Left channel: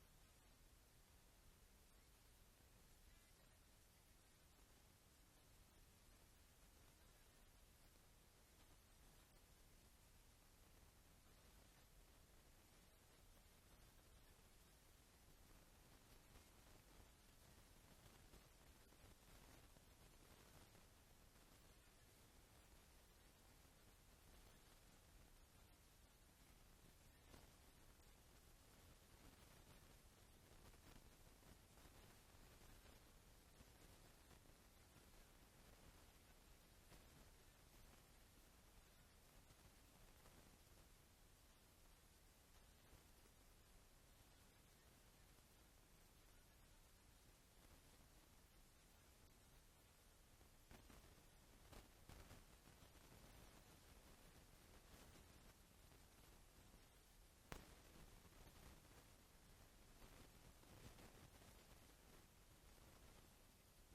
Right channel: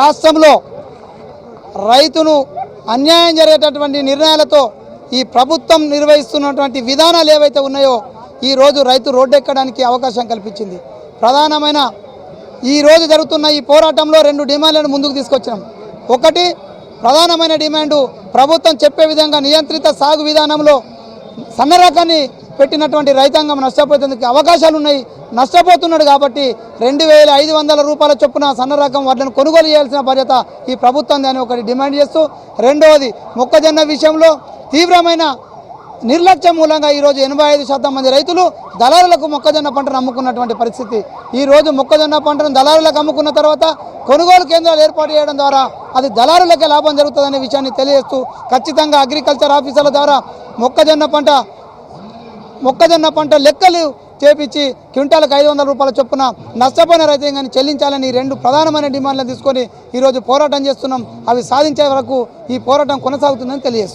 రాష్ట్రంలో రైతును అన్యాయం జరిగేటటువంటి నిర్ణయాలతో ఈ ప్రభుత్వం నిర్వహిస్తున్నటువంటి విధానాలు ఏవైతే ఉన్నాయో ఈరోజు రైతు రోడ్డెక్కడానికి అవకాశం కల్పించింది. ప్రధానమైన ఈరోజు జరుగుతున్న ఈ పోరాటంలో 2 డిమాండ్లను ముందుకు తీసుకొచ్చాం. ఒకటి, ప్రధానమైన డిమాండు ప్రభుత్వం చెప్పే విధంగా నియంత్రిత సాగు విధానంలో సన్న రకాన్ని పెట్టినటువంటి రైతాంగం నష్టపోయేందుకు అవకాశాలు ఉన్నాయి. నష్టపోతున్నాడు కాబట్టి 2500 రూపాయల చొప్పున సన్న రకం వడ్లను కొనుగోలు చేయాల్సిన బాధ్యత ఈ ప్రభుత్వం అని ఒకటి డిమాండ్ చేస్తూ, రెండవది మొక్కజొన్న విషయంలో తీవ్రమైన నిర్లక్ష్యం మూలంగా ఈరోజు 85% మంది రైతులు దళారులకు మొక్కజొన్న పంటను అమ్ముకున్నటువంటి పరిస్థితి. ఈరోజు మొక్కజొన్న పంటను దళారులకు అమ్ముకున్న తర్వాత కొనుగోలు కేంద్రాలు ఏర్పాటు చేయడం ద్వారా అది దళారులకే లాభం జరుగుతుందనే విషయాన్ని తెలియజేస్తూ ఖచ్చితంగా అగ్రికల్చర్ ఆఫీసర్ల ద్వారా మొక్కజొన్న పంట లెక్కలు చేపించి క్వింటాలకు 500 రూపాయల చొప్పున నష్టపోయిన రైతాంగాన్ని చెల్లించాలని 2 ప్రధానమైన డిమాండ్లను తీసుకొని ఈరోజు పోరాటం చేస్తున్నాం. అవి సాధించే వరకు ఈ పోరాటం కొనసాగుతుందని తెలియజేస్తున్నాం.